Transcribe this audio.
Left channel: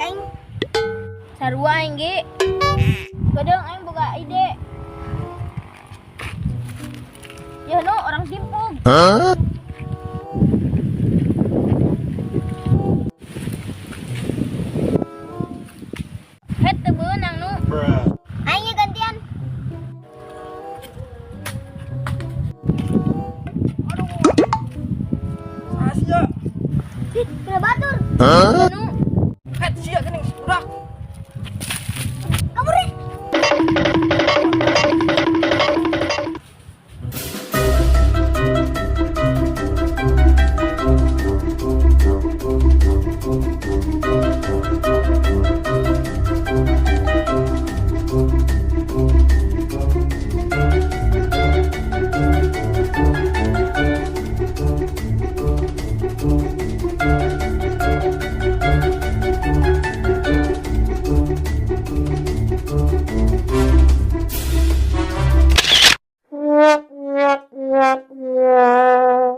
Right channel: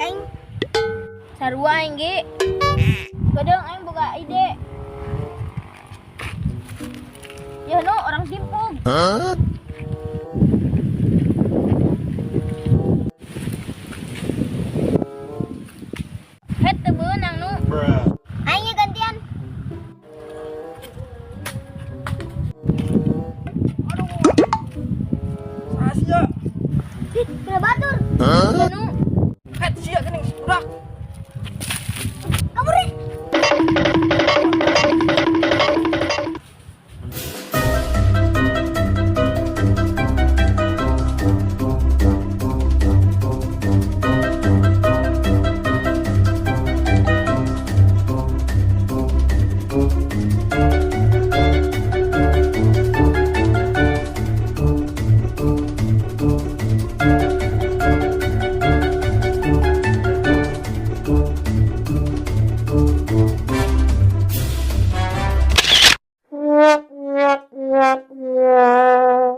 aing. Sarua aing ge. Kadang aing boga ide. Ya no orang timpuk. Het teu beunang nu. Aing ge gantian. Asia. Kena batur. Nu. Het sia geuning budak.